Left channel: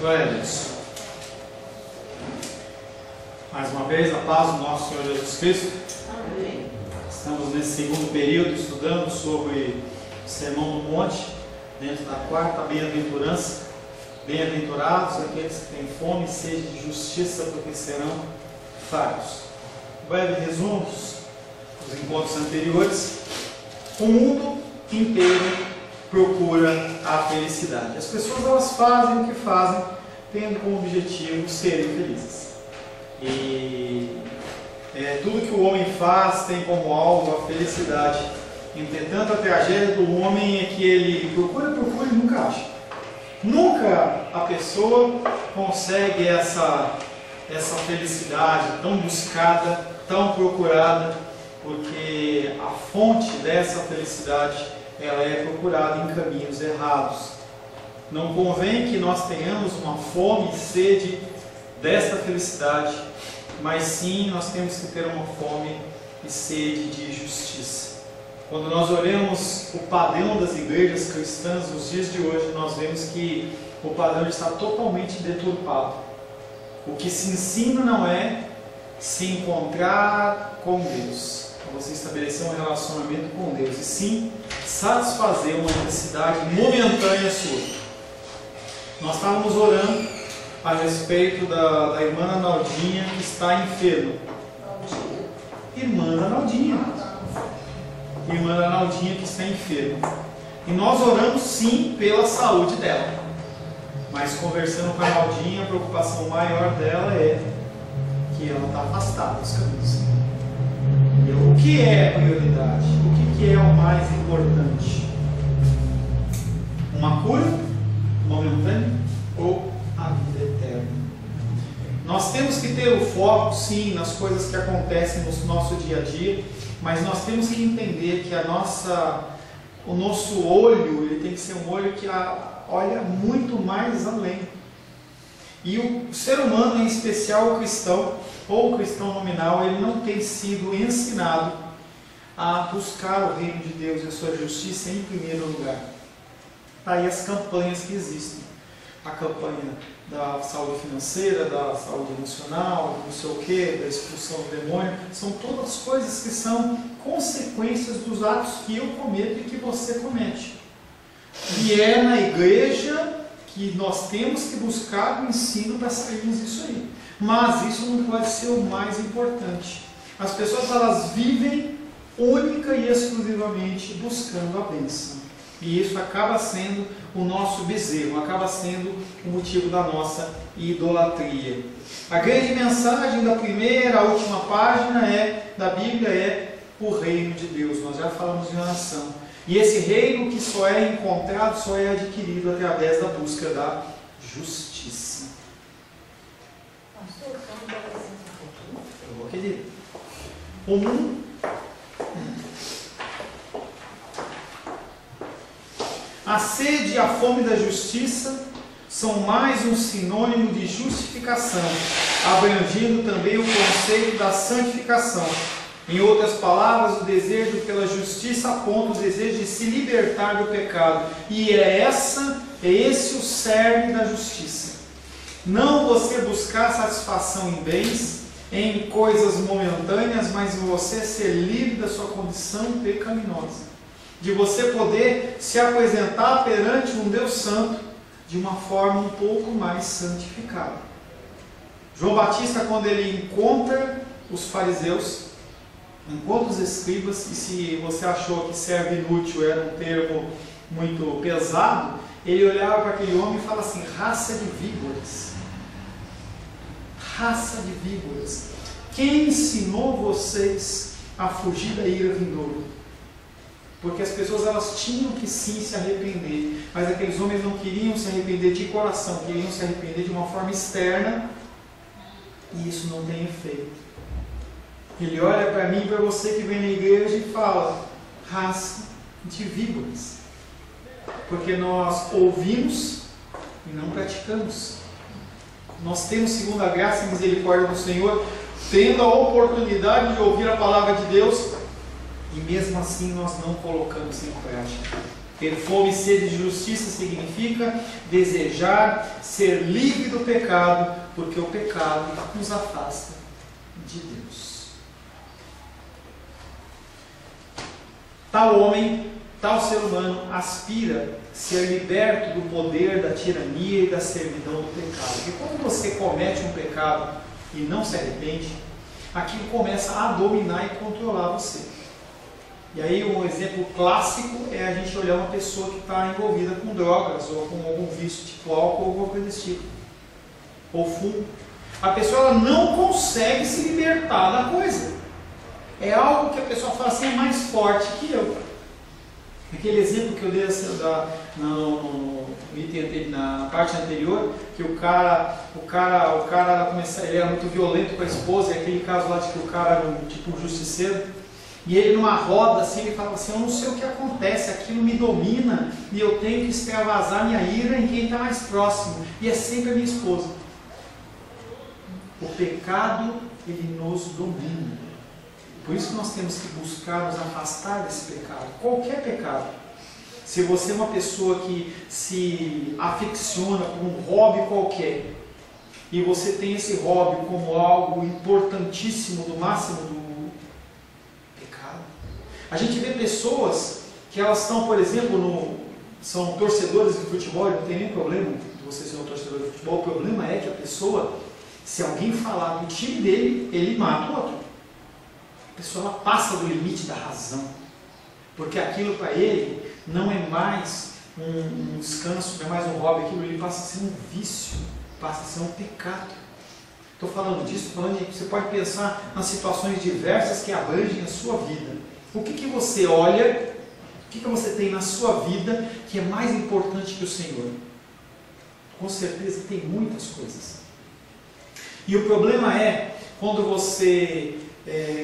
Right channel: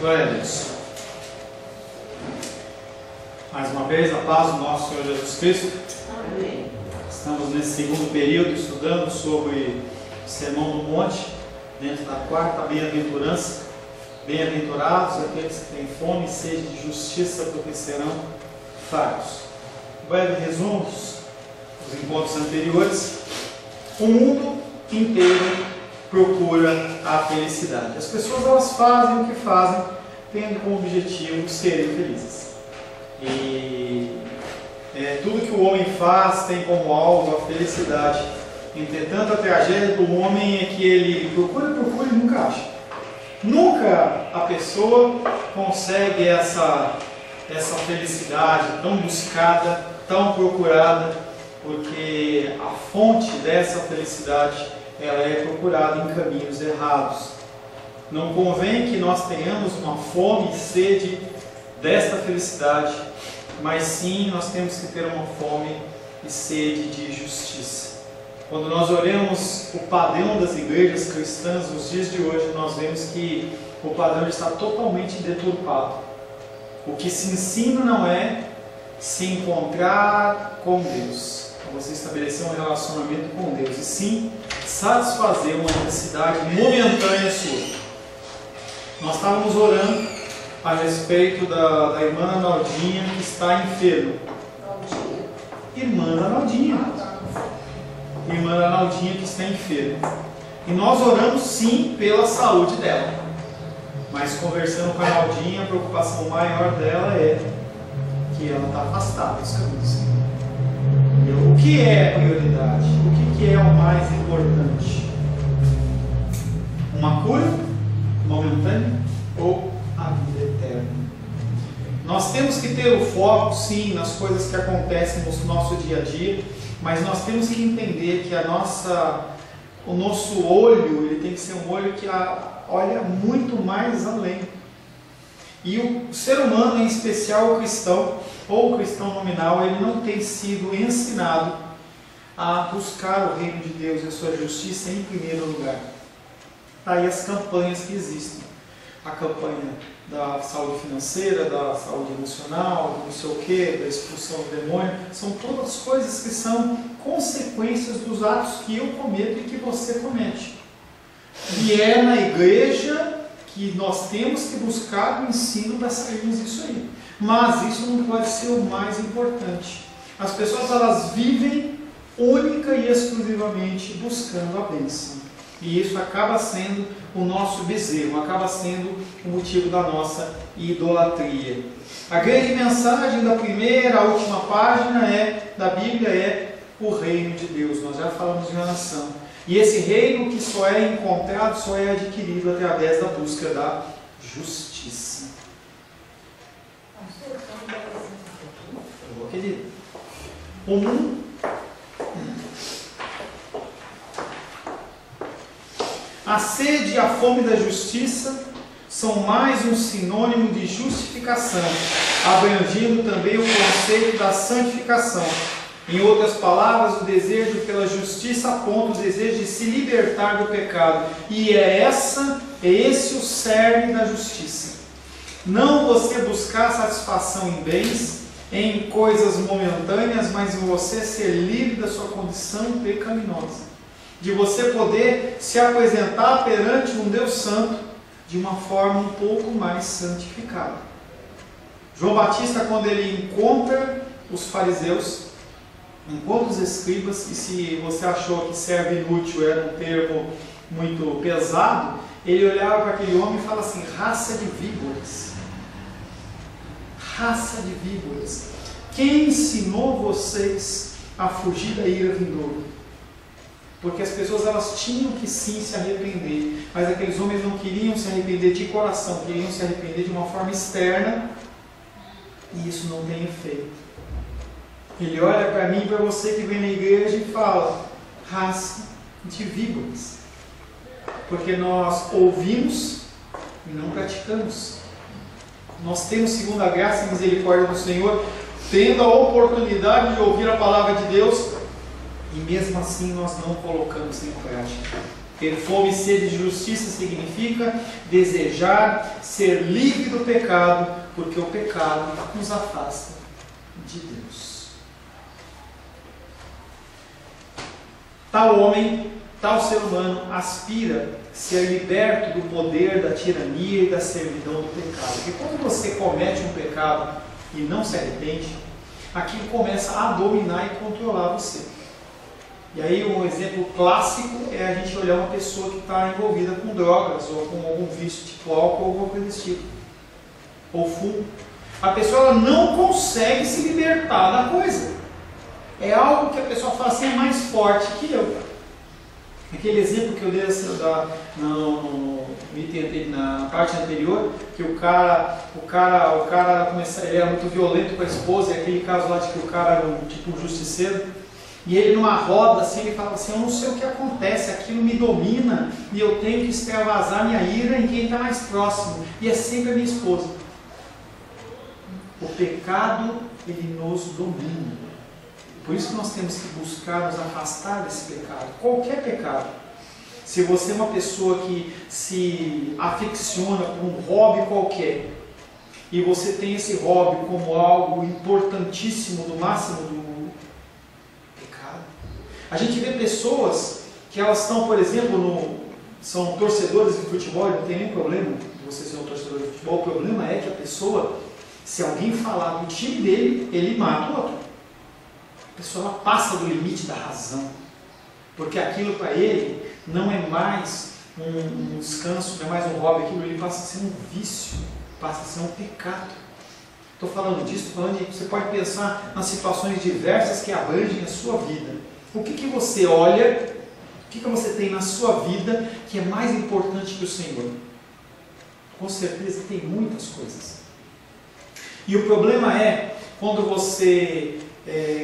Glória a Deus. Mais uma vez, a paz do nosso Senhor Jesus Cristo. Amém. Estamos nesse segundo período estudando sobre o Sermão do Monte, dentro da quarta bem-aventurança. Bem-aventurados aqueles que têm fome e sede de justiça, porque serão fartos. Breve resumo dos encontros anteriores. O mundo inteiro procura a felicidade. As pessoas elas fazem o que fazem, tendo como objetivo serem felizes. E tudo que o homem faz tem como alvo a felicidade. Entretanto, a tragédia do homem é que ele procura e nunca acha. Nunca a pessoa consegue essa felicidade tão buscada, tão procurada, porque a fonte dessa felicidade ela é procurada em caminhos errados. Não convém que nós tenhamos uma fome e sede desta felicidade, mas sim nós temos que ter uma fome e sede de justiça. Quando nós olhamos o padrão das igrejas cristãs nos dias de hoje, nós vemos que o padrão está totalmente deturpado. O que se ensina não é se encontrar com Deus, você estabelecer um relacionamento com Deus, e sim satisfazer uma necessidade momentânea sua. Nós estávamos orando a respeito da irmã Arnaldinha que está enferma. Irmã Arnaldinha que está enferma. E nós oramos sim pela saúde dela. Mas conversando com a Arnaldinha, a preocupação maior dela é que ela está afastada dos caminhos. O que é prioridade? O que é o mais importante? Uma cura momentânea ou a vida eterna? Nós temos que ter o foco, sim, nas coisas que acontecem no nosso dia a dia, mas nós temos que entender que o nosso olho ele tem que ser um olho que olha muito mais além. E o ser humano, em especial o cristão, ou o cristão nominal, ele não tem sido ensinado a buscar o reino de Deus e a sua justiça em primeiro lugar. Está aí as campanhas que existem. A campanha da saúde financeira, da saúde emocional, não sei o que, da expulsão do demônio, são todas coisas que são consequências dos atos que eu cometo e que você comete. E é na igreja que nós temos que buscar o ensino para sairmos disso aí. Mas isso não pode ser o mais importante. As pessoas elas vivem única e exclusivamente buscando a bênção. E isso acaba sendo o nosso bezerro, acaba sendo o motivo da nossa idolatria. A grande mensagem da primeira à última página da Bíblia é o reino de Deus. Nós já falamos em oração. E esse reino que só é encontrado, só é adquirido através da busca da justiça. Querido, o mundo a sede e a fome da justiça são mais um sinônimo de justificação, abrangindo também o conceito da santificação. Em outras palavras, o desejo pela justiça aponta o desejo de se libertar do pecado. E é esse o cerne da justiça. Não você buscar satisfação em bens, em coisas momentâneas, mas em você ser livre da sua condição pecaminosa. De você poder se apresentar perante um Deus Santo de uma forma um pouco mais santificada. João Batista, quando ele encontra os fariseus, encontra os escribas, e se você achou que servo inútil era um termo muito pesado, ele olhava para aquele homem e fala assim: raça de víboras. Raça de víboras. Quem ensinou vocês a fugir da ira vindoura? Porque as pessoas elas tinham que sim se arrepender, mas aqueles homens não queriam se arrepender de coração, queriam se arrepender de uma forma externa, e isso não tem efeito. Ele olha para mim e para você que vem na igreja e fala: raça de víboras. Porque nós ouvimos e não praticamos. Nós temos, segundo a graça e misericórdia do Senhor, tendo a oportunidade de ouvir a palavra de Deus, e mesmo assim nós não colocamos em prática. Ter fome e sede de justiça significa desejar ser livre do pecado, porque o pecado nos afasta de Deus. Tal homem, tal ser humano aspira ser liberto do poder da tirania e da servidão do pecado. Porque quando você comete um pecado e não se arrepende, aquilo começa a dominar e controlar você. E aí um exemplo clássico é a gente olhar uma pessoa que está envolvida com drogas ou com algum vício, tipo álcool ou alguma coisa desse tipo, ou fumo. A pessoa ela não consegue se libertar da coisa. É algo que a pessoa fala assim, é mais forte que eu. Aquele exemplo que eu dei na parte anterior, que o cara ele era muito violento com a esposa, e aquele caso lá de que o cara era tipo um justiceiro. E ele numa roda assim, ele falava assim, eu não sei o que acontece, aquilo me domina e eu tenho que extravasar minha ira em quem está mais próximo. E é sempre a minha esposa. O pecado, ele nos domina. Por isso que nós temos que buscar nos afastar desse pecado. Qualquer pecado. Se você é uma pessoa que se aficiona por um hobby qualquer, e você tem esse hobby como algo importantíssimo, do máximo do a gente vê pessoas que elas estão, por exemplo, são torcedores de futebol, não tem nenhum problema de você ser um torcedor de futebol. O problema é que a pessoa, se alguém falar do time dele, ele mata o outro. A pessoa ela passa do limite da razão, porque aquilo para ele não é mais um descanso, não é mais um hobby, aquilo ele passa a ser um vício, passa a ser um pecado. Estou falando disso, estou falando de você pode pensar nas situações diversas que abrangem a sua vida. O que você olha, o que você tem na sua vida que é mais importante que o Senhor? Com certeza tem muitas coisas. E o problema é quando você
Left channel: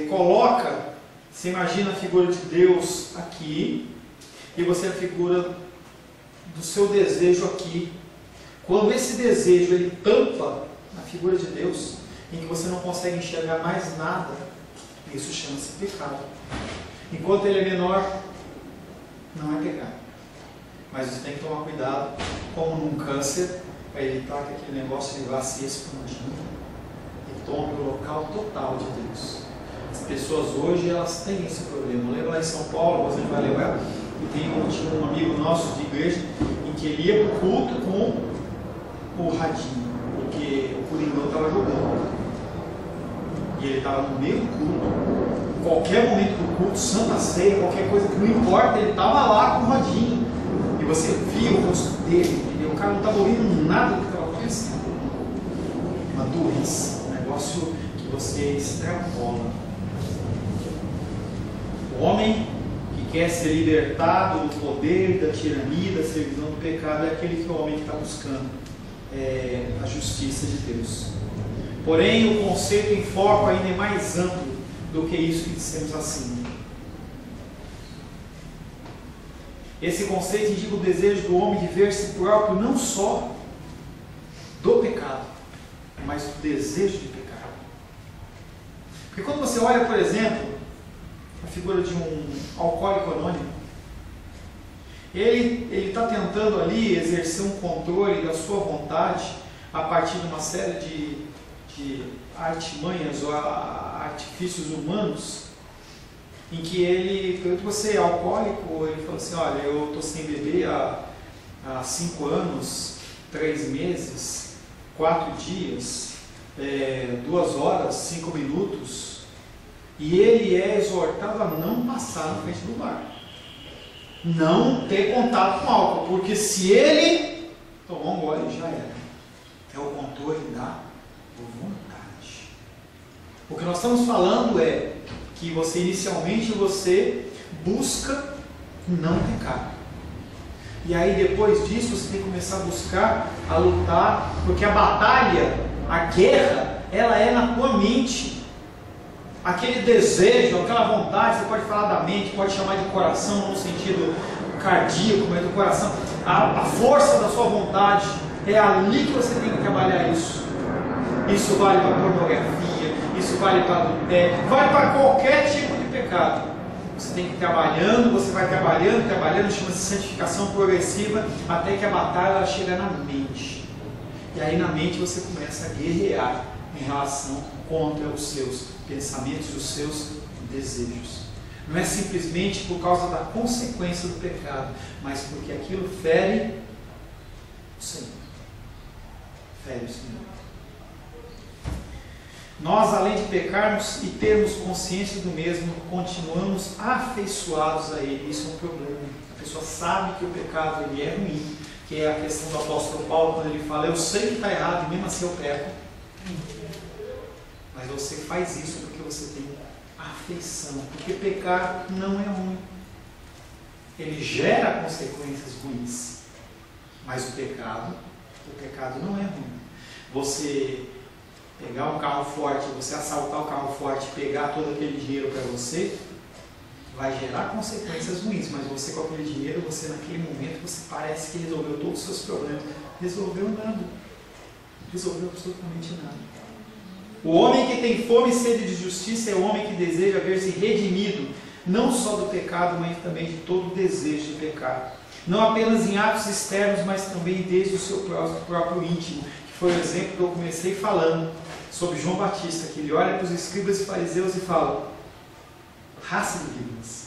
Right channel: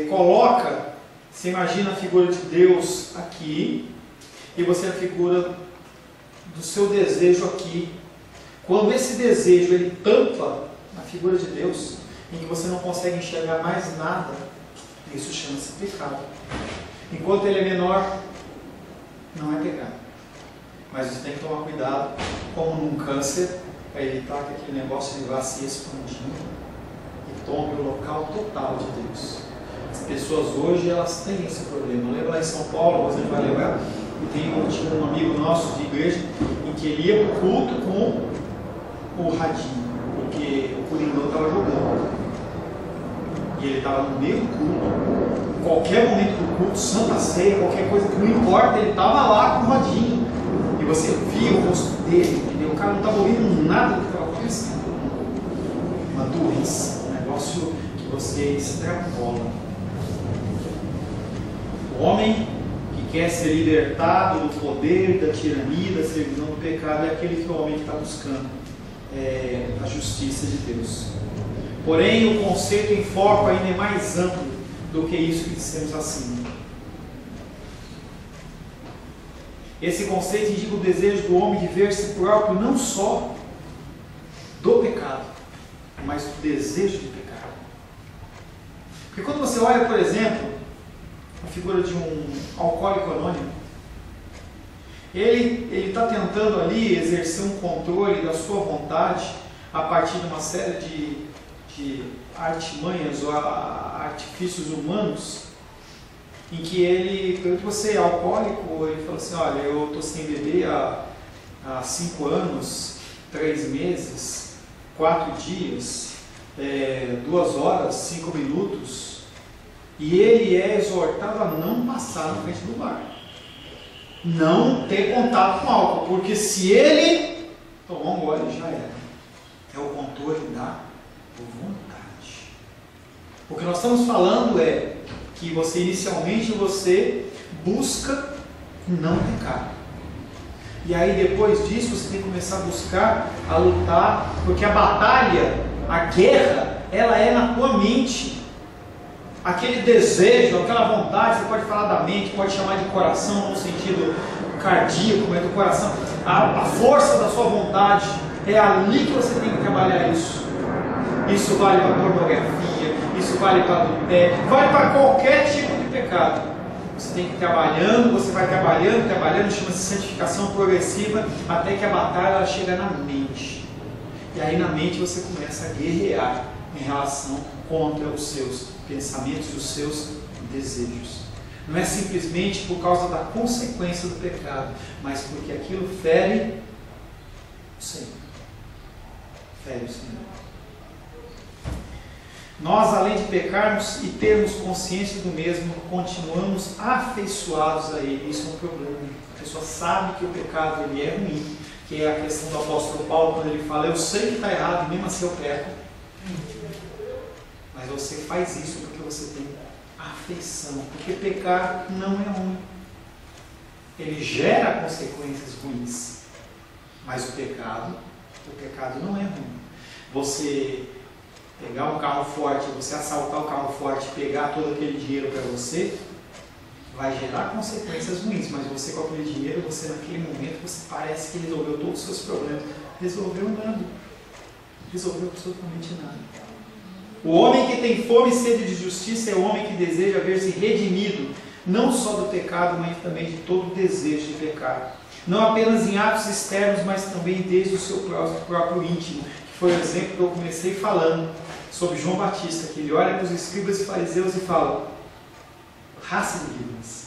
coloca, você imagina a figura de Deus aqui, e você a figura do seu desejo aqui. Quando esse desejo ele tampa a figura de Deus, em que você não consegue enxergar mais nada, isso chama-se pecado. Enquanto ele é menor, não é pecado. Mas você tem que tomar cuidado, como num câncer, para evitar que aquele negócio ele vá se expandindo e tome o local total de Deus. As pessoas hoje, elas têm esse problema. Lembra lá em São Paulo, você vai lembrar, tinha um amigo nosso de igreja, em que ele ia para o culto com o radinho, porque o Coringão estava jogando. E ele estava no meio do culto. Qualquer momento do culto, Santa Ceia, qualquer coisa que não importa, ele estava lá com o radinho. E você via o rosto dele, entendeu? O cara não estava ouvindo nada do que estava acontecendo. Uma doença, um negócio que você extrapola. O homem que quer ser libertado do poder, da tirania, da servidão do pecado, é aquele que é o homem que está buscando a justiça de Deus. Porém, o conceito em foco ainda é mais amplo do que isso que dissemos acima. Esse conceito indica o desejo do homem de ver-se próprio não só do pecado, mas do desejo de pecar. Porque quando você olha, por exemplo, a figura de um alcoólico anônimo, ele está tentando ali exercer um controle da sua vontade a partir de uma série de artimanhas ou artifícios humanos, em que ele, você é alcoólico, ele fala assim, olha, eu estou sem beber há 5 anos, 3 meses, 4 dias, 2 horas, 5 minutos, e ele é exortado a não passar na frente do bar, não ter contato com álcool, porque se ele tomar um gole já era. É o controle da vontade. O que nós estamos falando é que você inicialmente busca não pecar. E aí depois disso você tem que começar a buscar, a lutar, porque a batalha, a guerra, ela é na tua mente. Aquele desejo, aquela vontade, você pode falar da mente, pode chamar de coração no sentido cardíaco, mas do coração. A força da sua vontade, é ali que você tem que trabalhar isso. Isso vale para pornografia, isso vale para adultério, vale para qualquer tipo de pecado. Você tem que ir trabalhando, você vai trabalhando, chama-se santificação progressiva, até que a batalha ela chega na mente. E aí na mente você começa a guerrear em relação contra os seus pensamentos e os seus desejos. Não é simplesmente por causa da consequência do pecado, mas porque aquilo fere o Senhor. Fere o Senhor. Nós, além de pecarmos e termos consciência do mesmo, continuamos afeiçoados a ele. Isso é um problema. A pessoa sabe que o pecado ele é ruim, que é a questão do apóstolo Paulo, quando ele fala, eu sei que está errado, mesmo assim eu peco. Mas você faz isso porque você tem afeição, porque pecar não é ruim. Ele gera consequências ruins, mas o pecado não é ruim. Você pegar um carro forte, você assaltar o carro forte, pegar todo aquele dinheiro para você, vai gerar consequências ruins, mas você com aquele dinheiro, você naquele momento, você parece que resolveu todos os seus problemas. Resolveu nada. Resolveu absolutamente nada. O homem que tem fome e sede de justiça é o homem que deseja ver-se redimido, não só do pecado, mas também de todo o desejo de pecar. Não apenas em atos externos, mas também desde o seu próprio íntimo, que foi o exemplo que eu comecei falando sobre João Batista, que ele olha para os escribas e fariseus e fala, raça de víboras,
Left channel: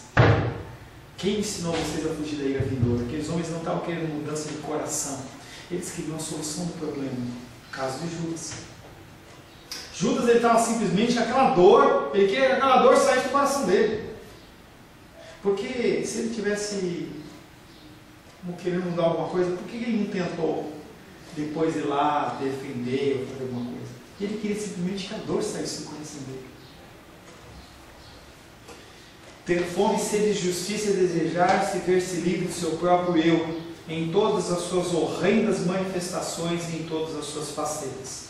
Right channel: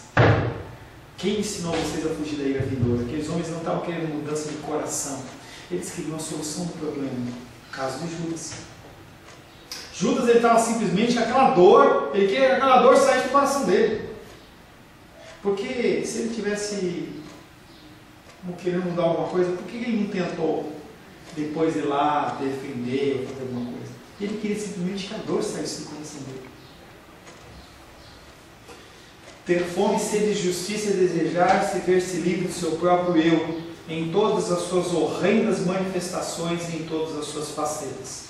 quem ensinou vocês a fugir da ira vindoura? Aqueles homens não estavam querendo mudança de coração, eles queriam a solução do problema. No caso de Judas, ele estava simplesmente aquela dor, ele queria que aquela dor saísse do coração dele, porque se ele tivesse querendo mudar alguma coisa, por que ele não tentou depois ir lá defender ou fazer alguma coisa? Ele queria simplesmente que a dor saísse do coração dele. Ter fome, sede de justiça e desejar-se ver-se livre do seu próprio eu, em todas as suas horrendas manifestações e em todas as suas facetas.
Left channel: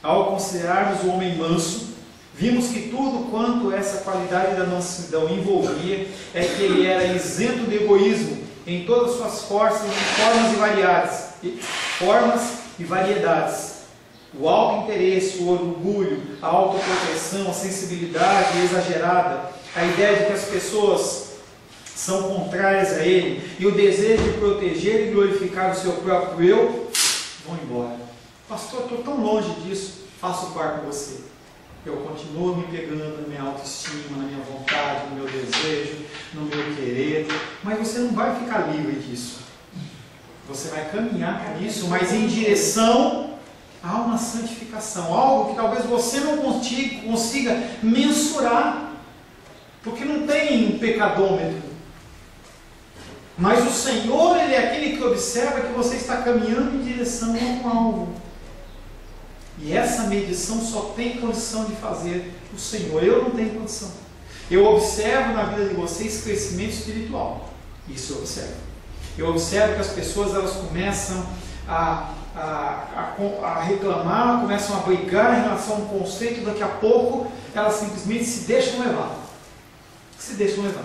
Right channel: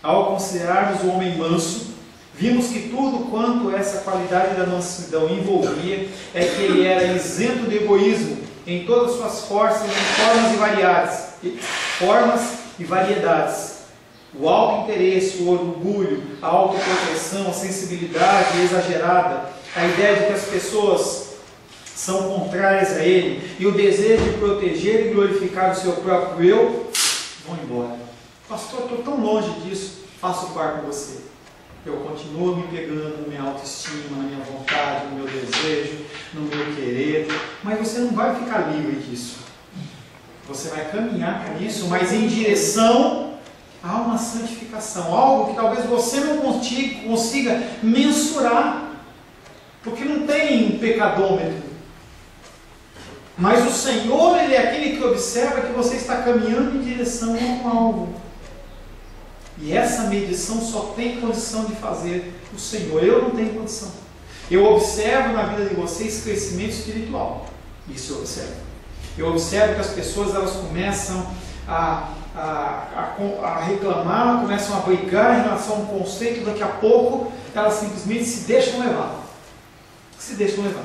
Ao considerarmos o homem manso, vimos que tudo quanto essa qualidade da mansidão envolvia é que ele era isento de egoísmo em todas as suas formas e variedades. O alto interesse, o orgulho, a autoproteção, a sensibilidade exagerada, a ideia de que as pessoas são contrárias a ele e o desejo de proteger e glorificar o seu próprio eu vão embora. Pastor, estou tão longe disso. Faço par com você. Eu continuo me pegando na minha autoestima, na minha vontade, no meu desejo, no meu querer, mas você não vai ficar livre disso. Você vai caminhar por isso, mas em direção a uma santificação, algo que talvez você não consiga mensurar, porque não tem pecadômetro. Mas o Senhor, Ele é aquele que observa que você está caminhando em direção a um alvo. E essa medição só tem condição de fazer o Senhor. Eu não tenho condição. Eu observo na vida de vocês crescimento espiritual. Isso eu observo. Eu observo que as pessoas elas começam a reclamar, começam a brigar em relação a um conceito. Daqui a pouco elas simplesmente se deixam levar. Se deixam levar.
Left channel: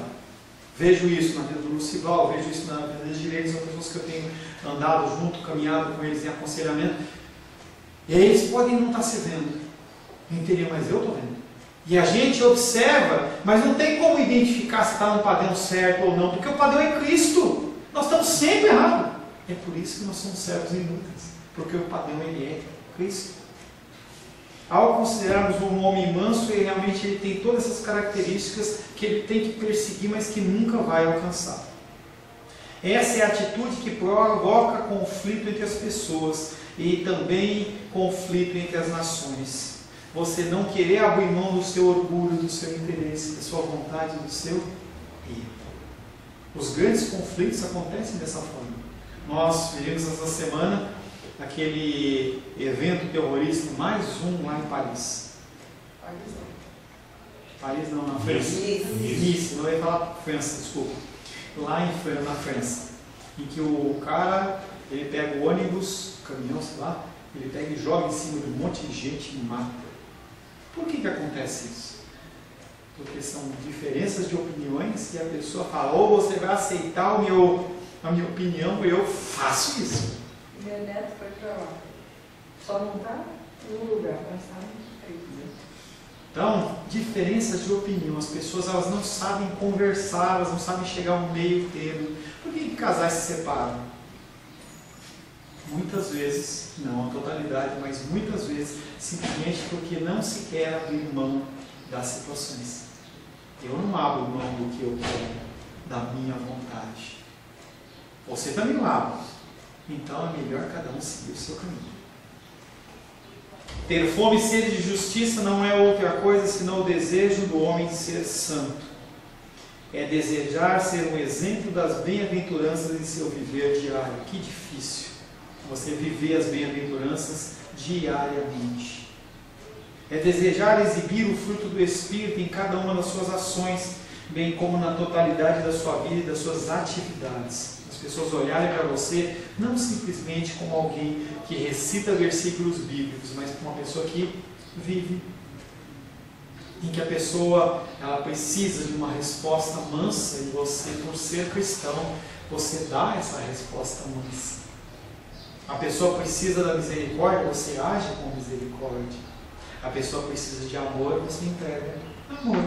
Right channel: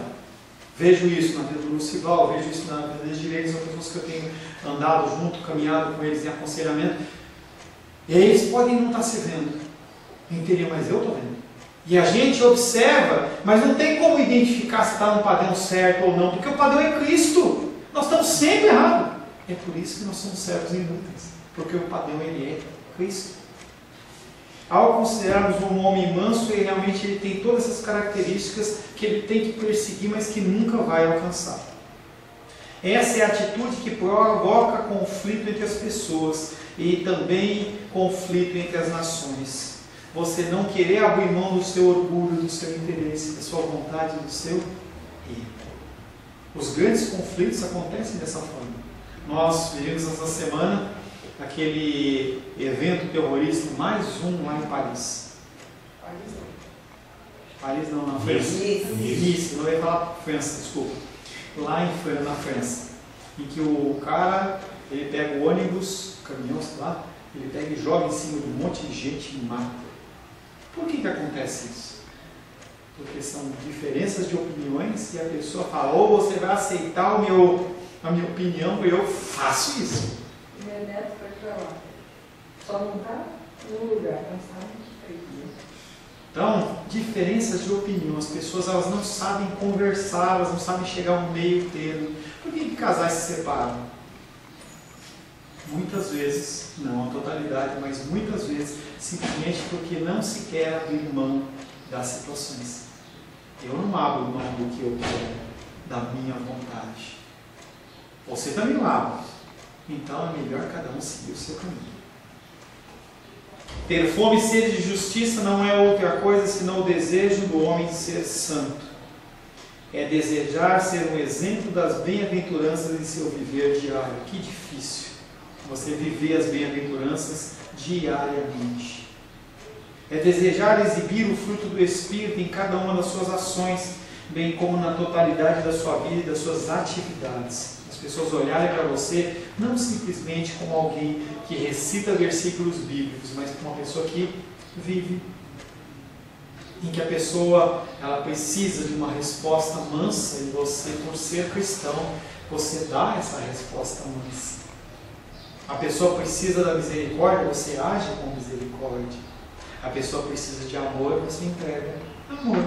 Vejo isso na vida do Lucival, vejo isso na vida dos direitos, são pessoas que eu tenho andado junto, caminhado com eles em aconselhamento. E aí eles podem não estar se vendo em teoria, mas eu estou vendo. E a gente observa, mas não tem como identificar se está no padrão certo ou não, porque o padrão é Cristo. Nós estamos sempre errados. É por isso que nós somos servos inúteis, porque o padrão ele é Cristo. Ao considerarmos um homem manso, ele realmente tem todas essas características que ele tem que perseguir, mas que nunca vai alcançar. Essa é a atitude que provoca conflito entre as pessoas e também conflito entre as nações. Você não querer abrir mão do seu orgulho, do seu interesse, da sua vontade, do seu eu. Os grandes conflitos acontecem dessa forma. Nós vivemos essa semana aquele evento terrorista, mais um lá em Paris. Paris não, na França. Nice, não ia falar França, desculpa. Lá na França, em que o cara, ele pega o ônibus, o caminhão, sei lá, ele pega e joga em cima de um monte de gente e mata. Por que acontece isso? Porque são diferenças de opiniões e a pessoa fala, ou você vai aceitar a minha opinião ou eu faço isso. Meu neto foi para lá, só não está no lugar, mas está no Então, diferenças de opinião. As pessoas elas não sabem conversar, elas não sabem chegar ao meio termo. Por que casais se separam? Muitas vezes, não a totalidade, mas muitas vezes, simplesmente porque não se quer abrir mão das situações. Eu não abro mão do que eu quero, da minha vontade. Você também não abre. Então é melhor cada um seguir o seu caminho. Ter fome e sede de justiça não é outra coisa senão o desejo do homem de ser santo. É desejar ser um exemplo das bem-aventuranças em seu viver diário. Que difícil você viver as bem-aventuranças diariamente. É desejar exibir o fruto do Espírito em cada uma das suas ações, bem como na totalidade da sua vida e das suas atividades. As pessoas olharem para você não simplesmente como alguém que recita versículos bíblicos, mas como uma pessoa que vive, em que a pessoa ela precisa de uma resposta mansa e você, por ser cristão, você dá essa resposta mansa. A pessoa precisa da misericórdia, você age com misericórdia. A pessoa precisa de amor, você entrega amor.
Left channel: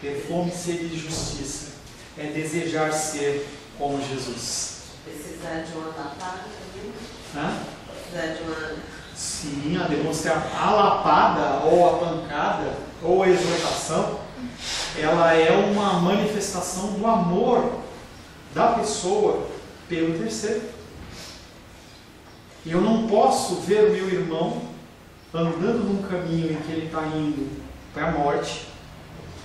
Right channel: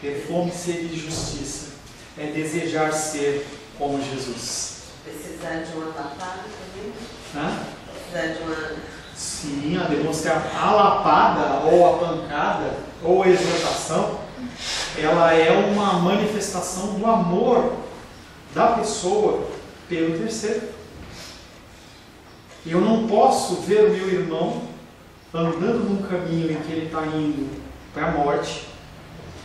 Ter fome e sede de justiça é desejar ser como Jesus. Precisar de uma lapada também? Precisar de uma... Sim, a demonstrar a lapada, ou a pancada, ou a exortação, ela é uma manifestação do amor da pessoa pelo terceiro. Eu não posso ver o meu irmão andando num caminho em que ele está indo para a morte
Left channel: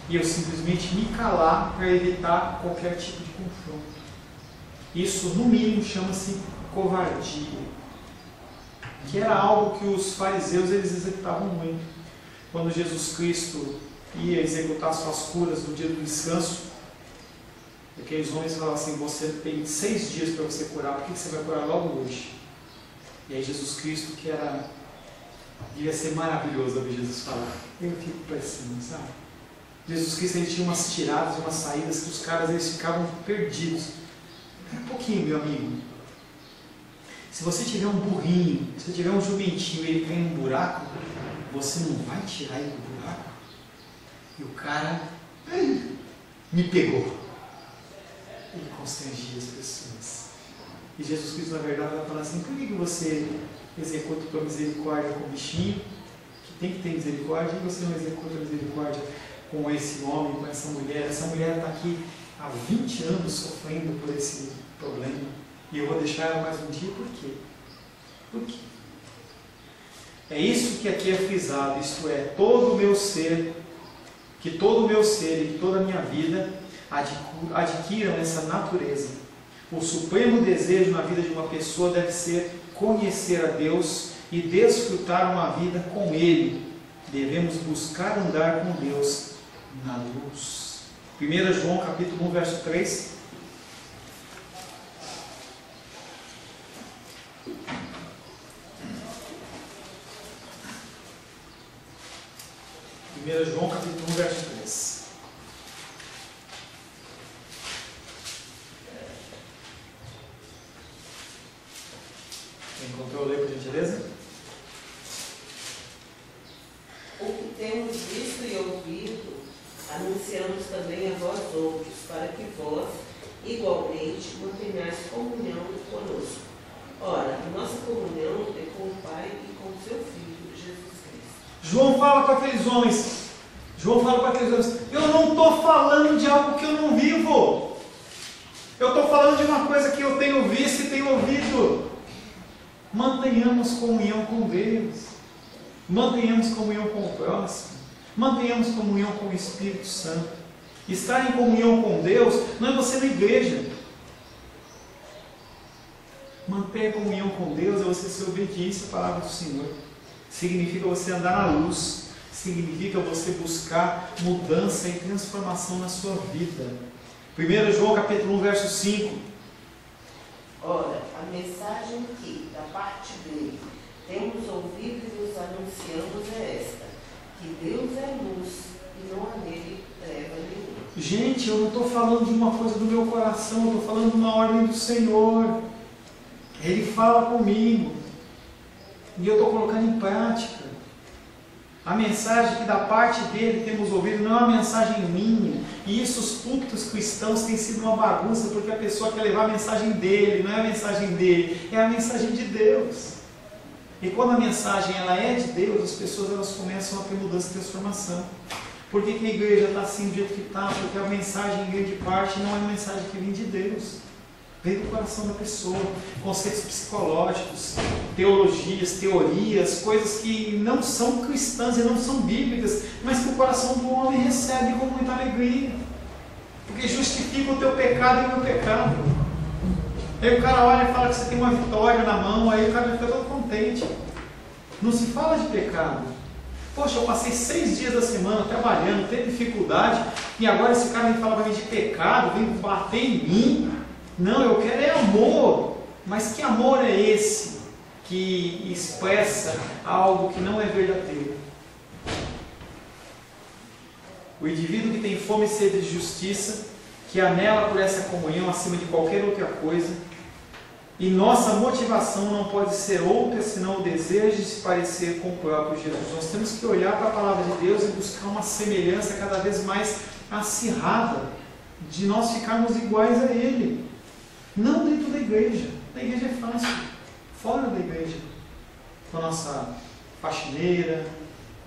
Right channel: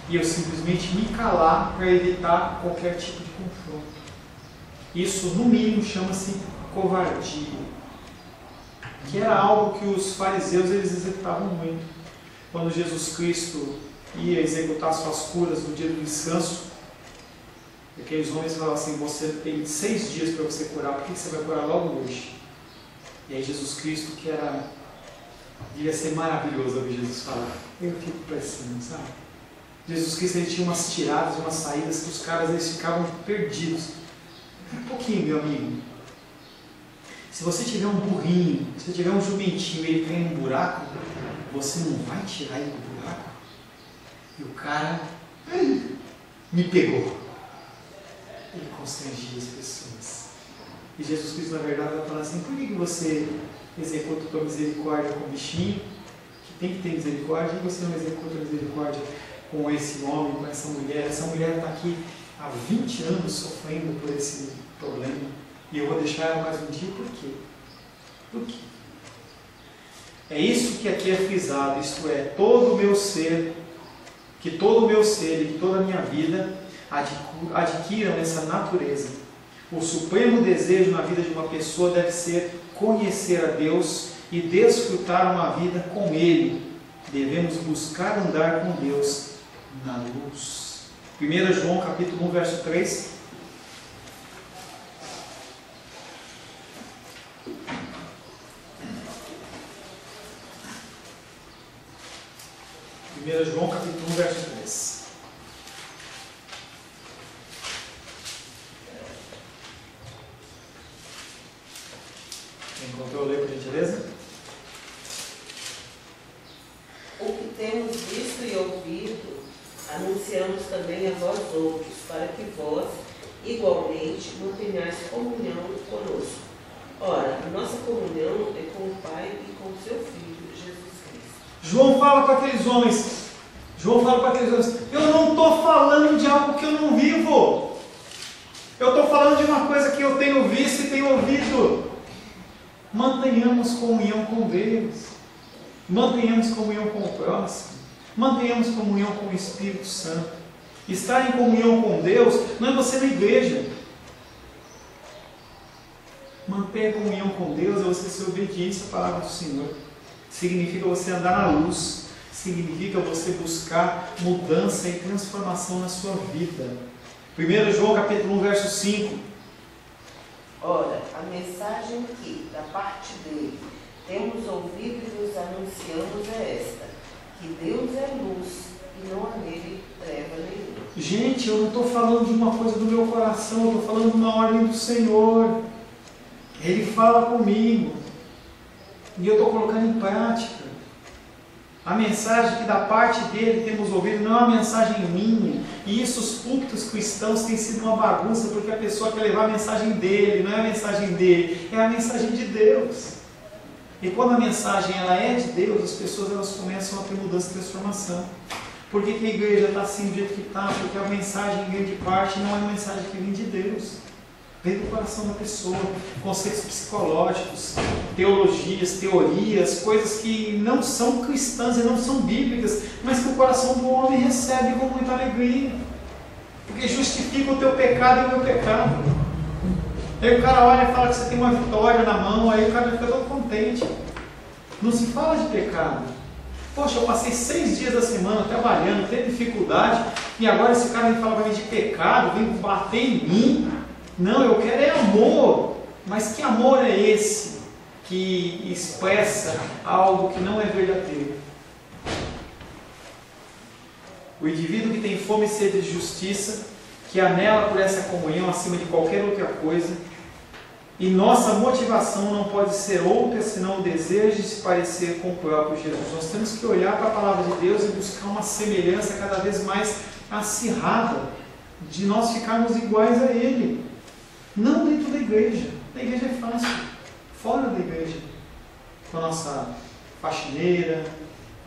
e eu simplesmente me calar para evitar qualquer tipo de confronto. Isso, no mínimo, chama-se covardia, que era algo que os fariseus eles executavam muito. Quando Jesus Cristo ia executar suas curas no dia do descanso, aqueles homens falavam assim: você tem 6 dias para você curar, por que você vai curar logo hoje? E aí Jesus Cristo, que devia ser maravilhoso ouvir Jesus falar, eu fico pensando, sabe? Jesus Cristo ele tinha umas tiradas, umas saídas que os caras eles ficavam perdidos. Um pouquinho, meu amigo. Se você tiver um burrinho, se você tiver um jumentinho e ele cai num buraco, você não vai tirar ele do buraco? E o cara me pegou. Ele constrangia as pessoas. E Jesus Cristo, na verdade, vai falar assim: por que você executa tua misericórdia com o bichinho, que tem que ter misericórdia, e você não executa a misericórdia com esse homem, com essa mulher? Essa mulher está aqui há 20 anos sofrendo por esse problema, e eu vou deixar ela mais um dia, por quê? Por quê? É isso que aqui é frisado, isto é, todo o meu ser, que todo o meu ser e que toda a minha vida adquiram essa natureza. O supremo desejo na vida de uma pessoa deve ser conhecer a Deus e desfrutar uma vida com Ele. Devemos buscar andar com Deus na luz. 1 João capítulo 1, verso 3. 1 João capítulo 1, verso 3. Encontrou? Lê, por gentileza. O que temos visto e ouvido, anunciamos também a vós outros, para que vós, igualmente, mantenhais comunhão conosco. Ora, a nossa comunhão é com o Pai e com o seu Filho, Jesus Cristo. João fala para aqueles homens, eu não estou falando de algo que eu não vivo. Eu estou falando de uma coisa que eu tenho visto e tenho ouvido. Mantenhamos comunhão com Deus. Mantenhamos comunhão com o próximo. Mantenhamos comunhão com o Espírito Santo. Estar em comunhão com Deus não é você na igreja. Manter a comunhão com Deus é você ser obediente à palavra do Senhor. Significa você andar na luz. Significa você buscar mudança e transformação na sua vida. 1 João capítulo 1, verso 5. Ora, a mensagem que, da parte dele, temos ouvido e nos anunciamos é esta: que Deus é luz e não há nele treva nenhuma. Gente, eu não estou falando de uma coisa do meu coração, eu estou falando de uma ordem do Senhor. Ele fala comigo e eu estou colocando em prática. A mensagem que da parte dele temos ouvido não é uma mensagem minha. E isso, os púlpitos cristãos têm sido uma bagunça, porque a pessoa quer levar a mensagem dele, não é a mensagem dele, é a mensagem de Deus. E quando a mensagem ela é de Deus, as pessoas elas começam a ter mudança e transformação. Por que a igreja está assim do jeito que está? Porque a mensagem, em grande parte, não é uma mensagem que vem de Deus. Vem do coração da pessoa, conceitos psicológicos, teologias, teorias, coisas que não são cristãs e não são bíblicas, mas que o coração do homem recebe com muita alegria, porque justifica o teu pecado e o meu pecado. Aí o cara olha e fala que você tem uma vitória na mão, aí o cara fica todo contente. Não se fala de pecado. Poxa, eu passei 6 dias da semana trabalhando, teve dificuldade, e agora esse cara vem falar para mim de pecado, vem bater em mim. Não, eu quero é amor. Mas que amor é esse que expressa algo que não é verdadeiro? O indivíduo que tem fome e sede de justiça, que anela por essa comunhão acima de qualquer outra coisa, e nossa motivação não pode ser outra senão o desejo de se parecer com o próprio Jesus. Nós temos que olhar para a palavra de Deus e buscar uma semelhança cada vez mais acirrada, de nós ficarmos iguais a Ele. Não dentro da igreja. Na igreja é fácil. Fora da igreja. Com a nossa faxineira,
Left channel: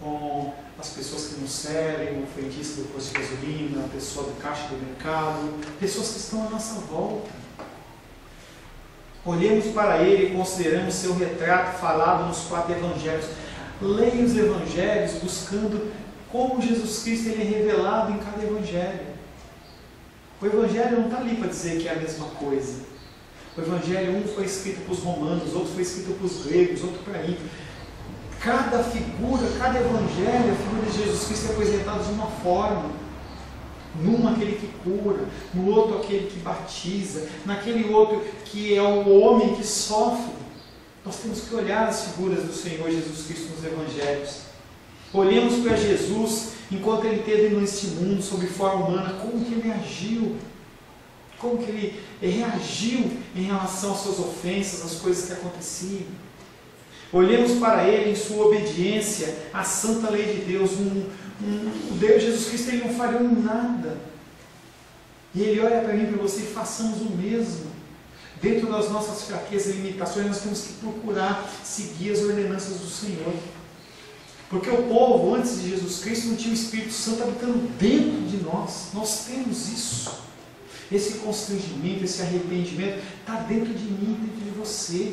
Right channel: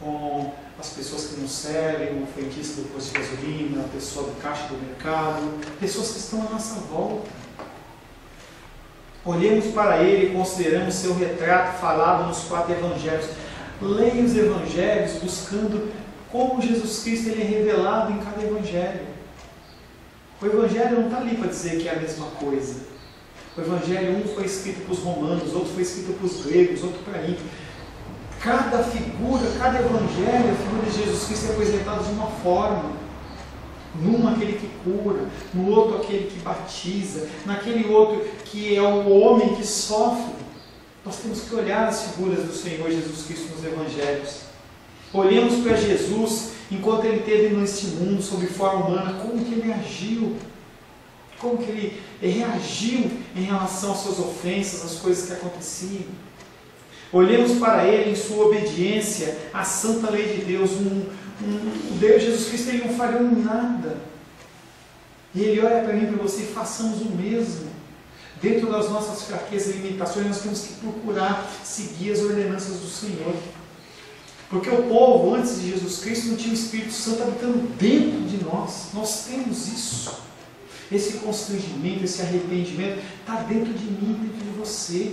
com as pessoas que nos servem, o frentista do posto de gasolina, a pessoa do caixa do mercado, pessoas que estão à nossa volta. Olhemos para Ele e consideramos seu retrato falado nos 4 evangelhos. Leia os evangelhos buscando como Jesus Cristo ele é revelado em cada evangelho. O Evangelho não está ali para dizer que é a mesma coisa. O Evangelho, um foi escrito para os romanos, outro foi escrito para os gregos, outro para mim. Cada figura, cada Evangelho, a figura de Jesus Cristo é apresentada de uma forma. Num aquele que cura, no outro aquele que batiza, naquele outro que é o homem que sofre. Nós temos que olhar as figuras do Senhor Jesus Cristo nos Evangelhos. Olhemos para Jesus enquanto Ele esteve neste mundo sob forma humana, como que Ele agiu, como que Ele reagiu em relação às suas ofensas, às coisas que aconteciam. Olhemos para Ele em sua obediência à santa lei de Deus. O Deus Jesus Cristo ele não falhou em nada. E Ele olha para mim e para você e façamos o mesmo. Dentro das nossas fraquezas e limitações, nós temos que procurar seguir as ordenanças do Senhor. Porque o povo, antes de Jesus Cristo, não tinha o Espírito Santo habitando dentro de nós. Nós temos isso. Esse constrangimento, esse arrependimento está dentro de mim, dentro de você.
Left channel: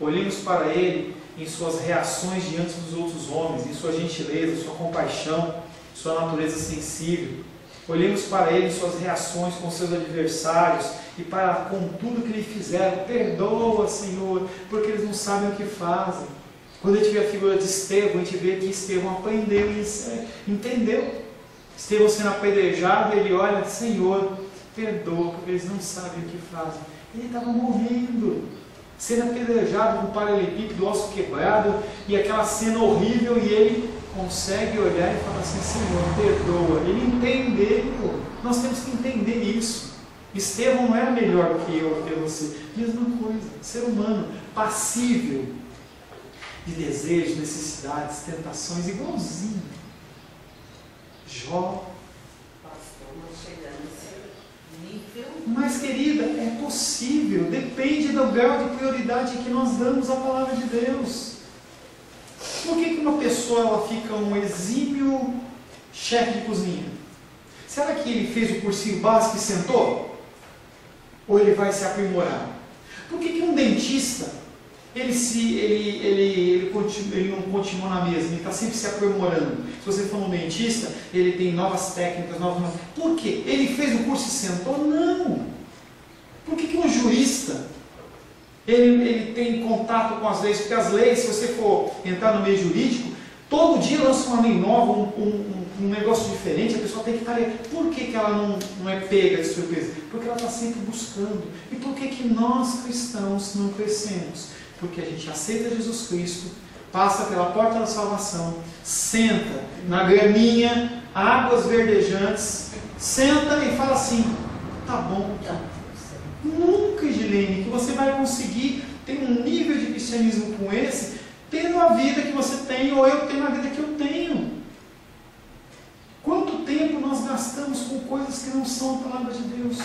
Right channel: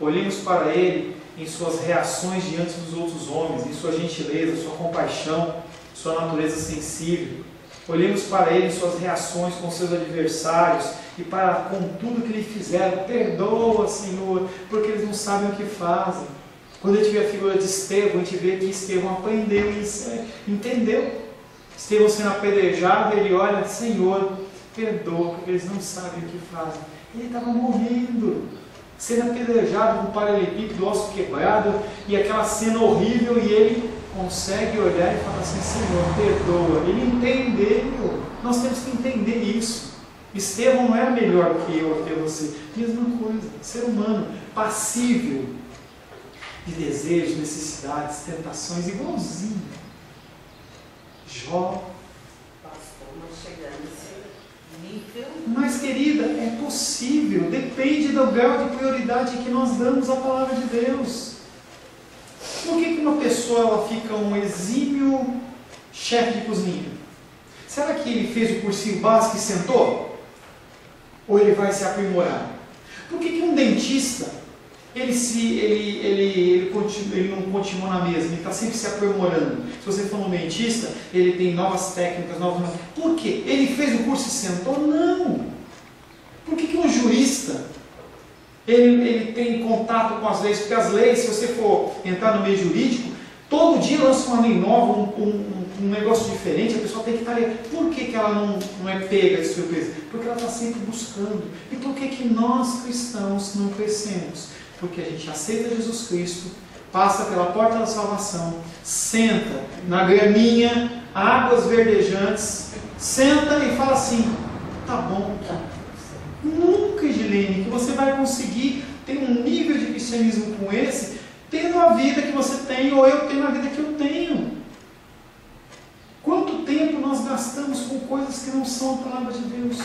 Olhemos para Ele em suas reações diante dos outros homens, em sua gentileza, sua compaixão, sua natureza sensível. Olhemos para Ele em suas reações com seus adversários e com tudo que Ele fizeram. Perdoa, Senhor, porque eles não sabem o que fazem. Quando a gente vê a figura de Estevão, a gente vê que Estevão aprendeu e entendeu. Estevão sendo apedrejado, ele olha, Senhor, perdoa, porque eles não sabem o que fazem. Ele estava morrendo, sendo apedrejado com um paralelepípedo, osso quebrado, e aquela cena horrível, e ele consegue olhar e falar assim, Senhor, perdoa. Ele entendeu. Nós temos que entender isso. Estevão não era melhor do que eu, do que você. Mesma coisa, ser humano, passível de desejos, necessidades, tentações, igualzinho. Jó. Estamos chegando nesse nível. Mas, querida, é possível, depende do grau de prioridade que nós damos à palavra de Deus. Por que uma pessoa ela fica um exímio chefe de cozinha? Será que ele fez o cursinho básico e sentou? Ou ele vai se aprimorar? Por que um dentista ele não continua na mesma, ele está sempre se aprimorando? Se você for um dentista, ele tem novas técnicas, novas... Por quê? Ele fez o curso e sentou? Não! Por que um jurista ele tem contato com as leis? Porque as leis, se você for entrar no meio jurídico, todo dia lança uma lei nova, um negócio diferente, a pessoa tem que estar ali. Por que ela não é pega de surpresa? Porque ela está sempre buscando. E por que nós cristãos não crescemos? Porque a gente aceita Jesus Cristo, passa pela porta da salvação, senta na graminha, águas verdejantes, senta e fala assim, tá bom, tá. Nunca, Edilene, que você vai conseguir ter um nível de cristianismo com esse, tendo a vida que você tem, ou eu tendo a vida que eu tenho. Quanto tempo nós gastamos com coisas que não são a palavra de Deus?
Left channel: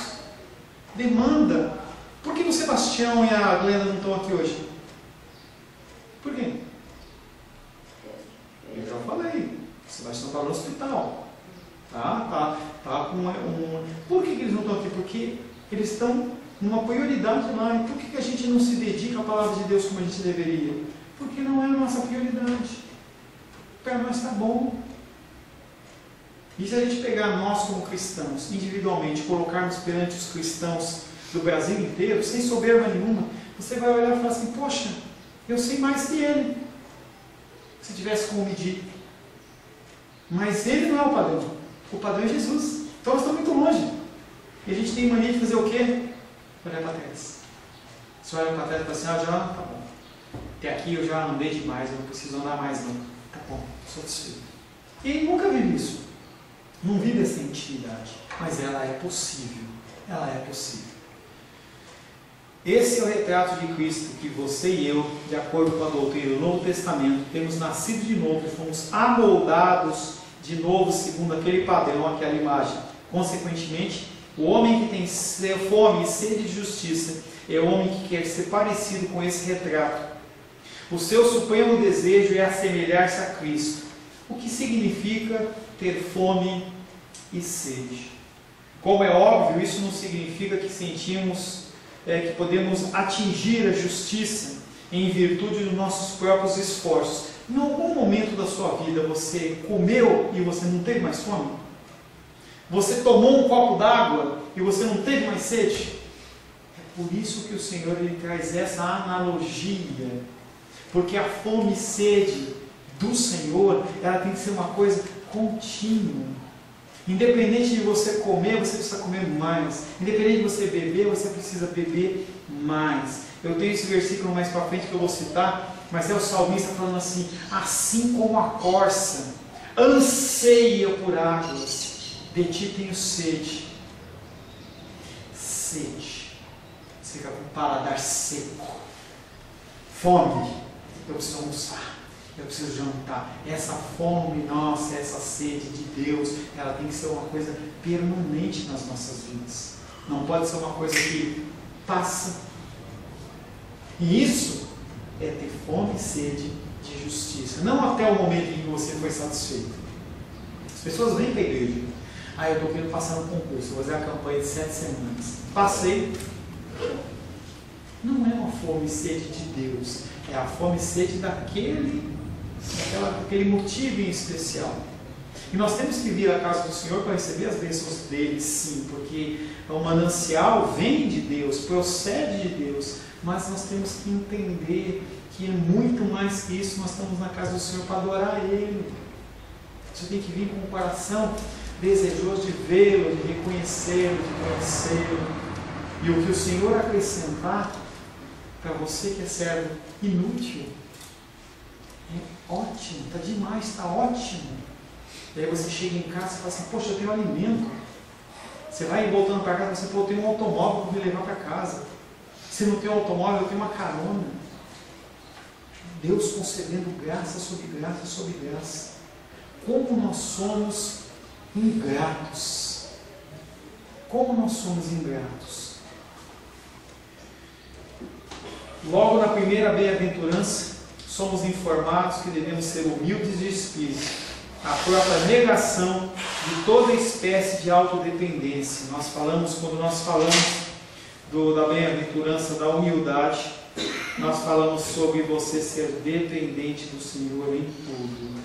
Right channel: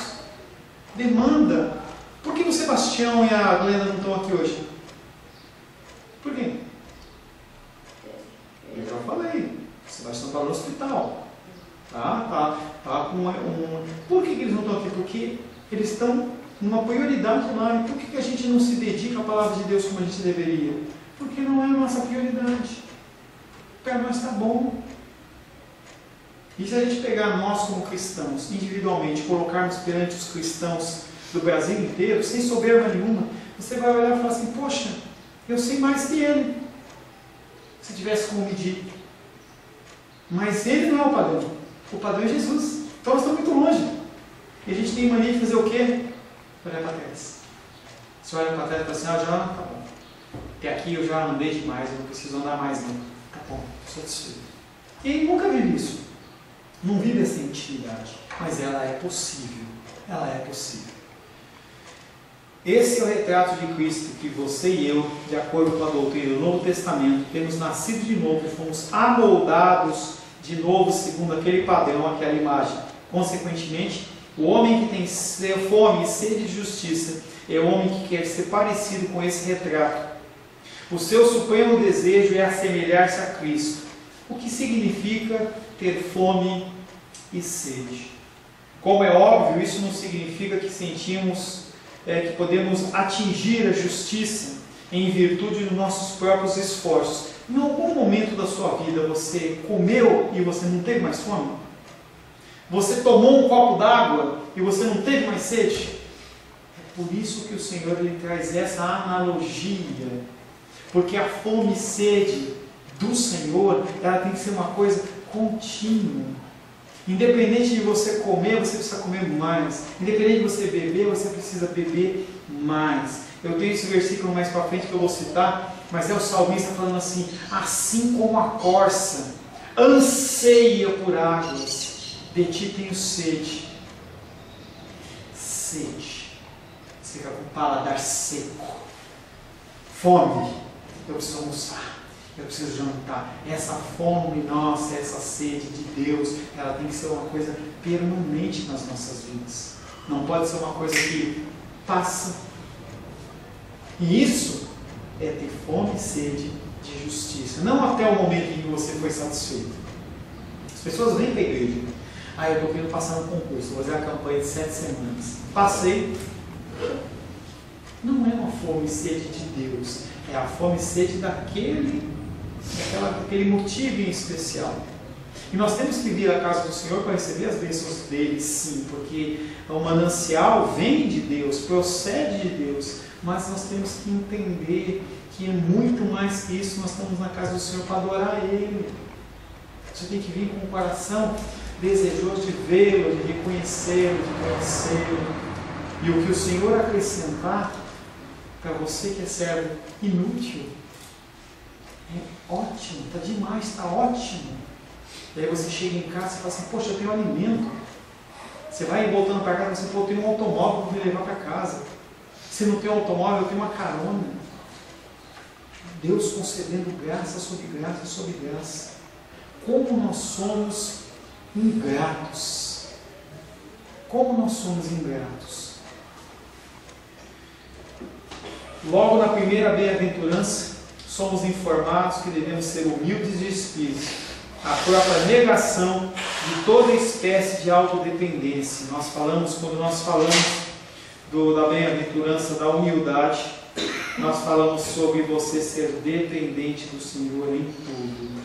Demanda. Por que o Sebastião e a Glenda não estão aqui hoje? Por quê? Eu já falei. O Sebastião está no hospital. Tá com Por que eles não estão aqui? Porque eles estão numa prioridade lá. E por que a gente não se dedica à palavra de Deus como a gente deveria? Porque não é a nossa prioridade. Para nós está bom. E se a gente pegar nós como cristãos, individualmente, colocarmos perante os cristãos do Brasil inteiro, sem soberba nenhuma, você vai olhar e falar assim, poxa, eu sei mais que ele. Se tivesse como medir. Mas ele não é o padrão. O padrão é Jesus. Então nós estamos muito longe. E a gente tem mania de fazer o quê? Olhar para trás. Você olha para trás e fala assim, já, tá bom. Até aqui eu já andei demais, eu não preciso andar mais não. Tá bom, estou satisfeito. E ele nunca vive isso. Não vive essa intimidade. Mas ela é possível. Ela é possível. Esse é o retrato de Cristo que você e eu, de acordo com a doutrina do Novo Testamento, temos nascido de novo e fomos amoldados de novo segundo aquele padrão, aquela imagem. Consequentemente, o homem que tem fome e sede de justiça é o homem que quer ser parecido com esse retrato. O seu supremo desejo é assemelhar-se a Cristo, o que significa ter fome e sede. Como é óbvio, isso não significa que sentimos que podemos atingir a justiça em virtude dos nossos próprios esforços. Em algum momento da sua vida você comeu e você não teve mais fome? Você tomou um copo d'água e você não teve mais sede? É por isso que o Senhor ele traz essa analogia, porque a fome e sede do Senhor, ela tem que ser uma coisa contínua. Independente de você comer, você precisa comer mais. Independente de você beber, você precisa beber mais. Eu tenho esse versículo mais para frente que eu vou citar, mas é o salmista falando assim, assim como a corça anseia por águas, de ti tenho sede. Sede. Você fica com o paladar seco. Fome. Eu preciso almoçar. Eu preciso jantar. Essa fome nossa, essa sede de Deus, ela tem que ser uma coisa permanente nas nossas vidas. Não pode ser uma coisa que passa. E isso é ter fome e sede de justiça. Não até o momento em que você foi satisfeito. As pessoas vêm para a igreja. Eu estou querendo passar no concurso, vou fazer a campanha de 7 semanas. Passei. Não é uma fome e sede de Deus. É a fome e sede daquele motivo em especial. E nós temos que vir à casa do Senhor para receber as bênçãos dele, sim, porque o manancial vem de Deus, procede de Deus, mas nós temos que entender que é muito mais que isso. Nós estamos na casa do Senhor para adorar Ele. Você tem que vir com o coração desejoso de vê-lo, de reconhecê-lo, de conhecê-lo. E o que o Senhor acrescentar para você que é servo inútil, é ótimo, está demais, está ótimo. E aí você chega em casa e fala assim, poxa, eu tenho alimento. Você vai voltando para casa e você fala, eu tenho um automóvel para me levar para casa. Se não tem um automóvel, eu tenho uma carona. Deus concedendo graça sobre graça sobre graça. Como nós somos ingratos. Como nós somos ingratos. Logo na primeira bem-aventurança, somos informados que devemos ser humildes de espírito, a própria negação de toda espécie de autodependência. Quando nós falamos da bem-aventurança da humildade, nós falamos sobre você ser dependente do Senhor em tudo.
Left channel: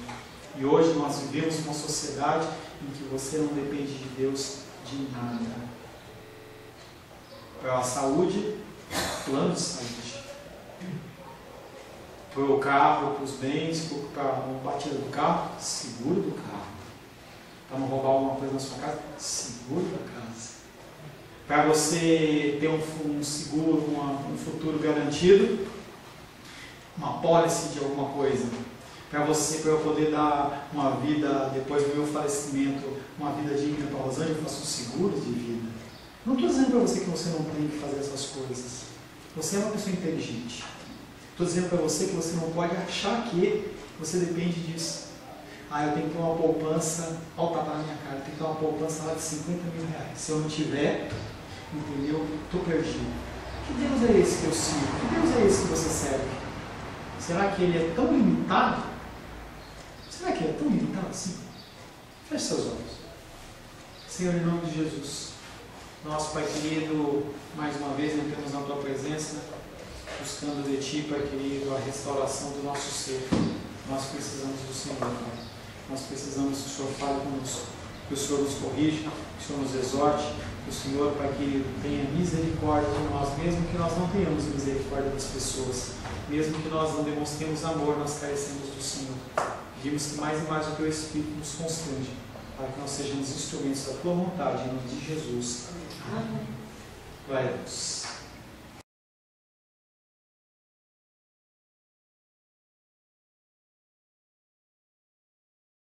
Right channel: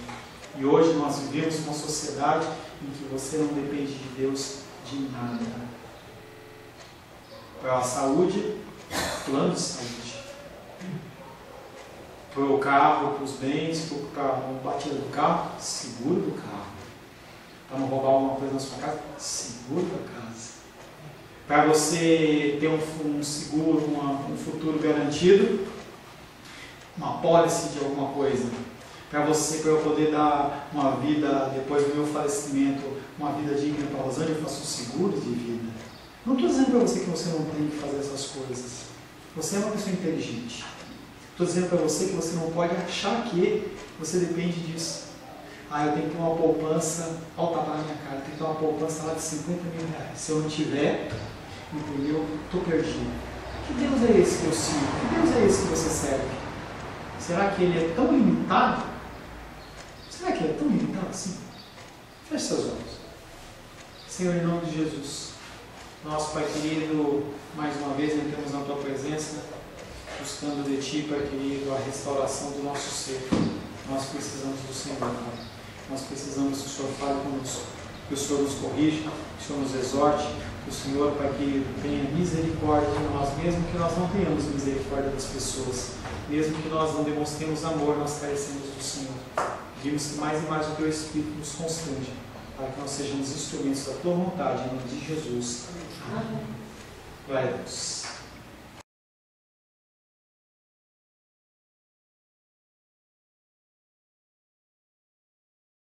E hoje nós vivemos uma sociedade em que você não depende de Deus de nada. Para a saúde, plano de saúde. Para o carro, para os bens, para a batida do carro, seguro do carro. Para não roubar alguma coisa na sua casa, seguro da casa. Para você ter um seguro, um futuro garantido, uma pólice de alguma coisa. Para eu poder dar uma vida, depois do meu falecimento, uma vida digna para a Rosângela, eu faço um seguro de vida. Não estou dizendo para você que você não tem que fazer essas coisas. Você é uma pessoa inteligente. Estou dizendo para você que você não pode achar que você depende disso. Eu tenho que ter uma poupança, olha o tapa na minha cara, eu tenho que ter uma poupança lá de 50 mil reais. Se eu não tiver, entendeu? Estou perdido. Que Deus é esse que eu sigo? Que Deus é esse que você serve? Será que Ele é tão limitado? Será que Ele é tão limitado assim? Feche seus olhos. Senhor, em nome de Jesus, nosso Pai querido, mais uma vez entramos na Tua presença, buscando de Ti, Pai querido, a restauração do nosso ser. Nós precisamos do Senhor, Pai. Nós precisamos que o Senhor fale conosco, que o Senhor nos corrija, que o Senhor nos exorte, que o Senhor, Pai querido, tenha misericórdia de nós, mesmo que nós não tenhamos misericórdia das pessoas, mesmo que nós não demonstremos amor, nós carecemos do Senhor. Pedimos que mais e mais o Teu Espírito nos constrange, para que nós sejamos instrumentos da Tua vontade, em nome de Jesus. Amém. Glória a Deus.